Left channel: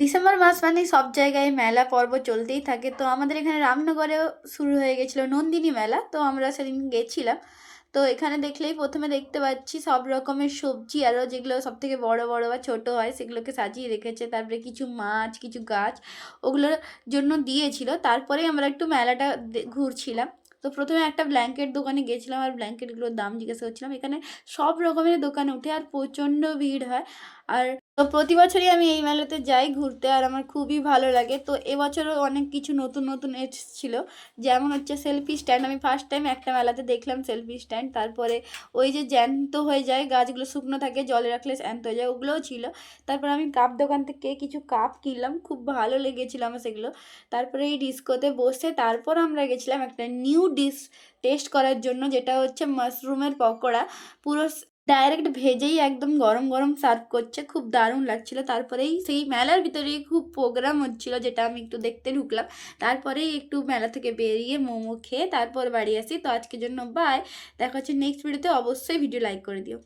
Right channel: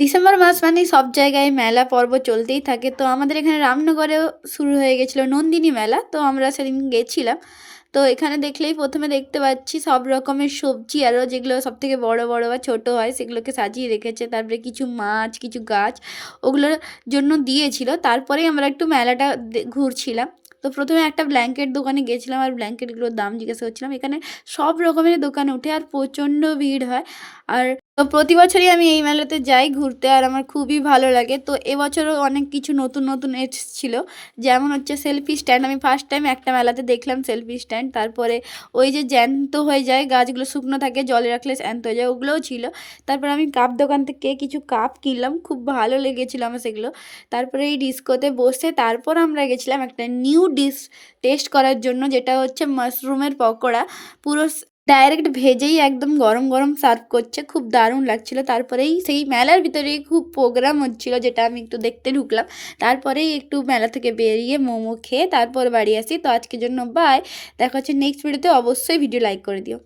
December মাস মানেই সব জায়গায় মেলা পর্ব চলতেই থাকে। তো আমাদের এখানে রামনগরেও শুরু হয়ে গেছিলো নন্দিনী মেলা। তো আমরা সেদিন গেছিলাম। তো এখানে দেখলেই প্রথমে দেখতে পাচ্ছি সব রকমের সবজি আরও যেগুলো সবথেকে বড় বড় বা ছোট হয় সেগুলোকে সাজিয়ে রেখেছে। তারপরে কিছু মাছ, কিছু গাছ ওগুলোর জন্য দিয়েছিল। তারপরেই আমরা একটু মেলাটা ঘুরছিলাম। তো প্রথমে একটা ব্ল্যাঙ্কেট দোকানে গেছিলাম আর ব্ল্যাঙ্কেটগুলোর দাম জিজ্ঞাসা করছিলাম। এখানে সব রকমের দোকান ওঠে আর প্রচণ্ড ভিড় হয়। আর তো প্রতি বছরই আমি এই মেলাতে যাই ঘুরতে আর আমার খুবই ভালো লাগে। তো এবছরও অনেক কিছু নতুন নতুন এসেছিল, যেমন হচ্ছে সেলফি স্ট্যান্ড। আমি ফার্স্ট টাইম একটা মেলাতে দেখলাম সেলফি স্ট্যান্ড। তারপরে ওই যে জ্যান্ত হয়ে যায় গাছগুলো, শুকনো থাকে জলে রাখলে জ্যান্ত হয়ে যায়, ওগুলোও ছিল। তারপরে আমি কাপ দোকান থেকে কিছু কাপ কিনলাম, খুব ভালো লেগেছিলো আমার সেগুলো। তারপরে এই ডিস্কোতে বসে তারপর আমরা গেছিলাম একটা নিউ ডিশ টেস্ট করার জন্য, যেটা হচ্ছে মাশরুমের পকোড়া। পুরো ডাইরেক্ট ভেজেই একদম গরম গরম সার্ভ করছে, খুব দারুণ লাগছিল। তারপরেই সেই মেলার ভিতরেই খুব প্রোগ্রাম হচ্ছিল, যেটা আমি একটু দেখতে ঢুকলাম। তারপরেই একটু মেলা থেকে বেরিয়ে মোমো খেয়ে তারপর বাড়ি আসি। তো আজকের জন্য বাই, দেখা হচ্ছে নেক্সট ভিডিওতে। অবশ্যই ভিডিও লাইক করে দিও।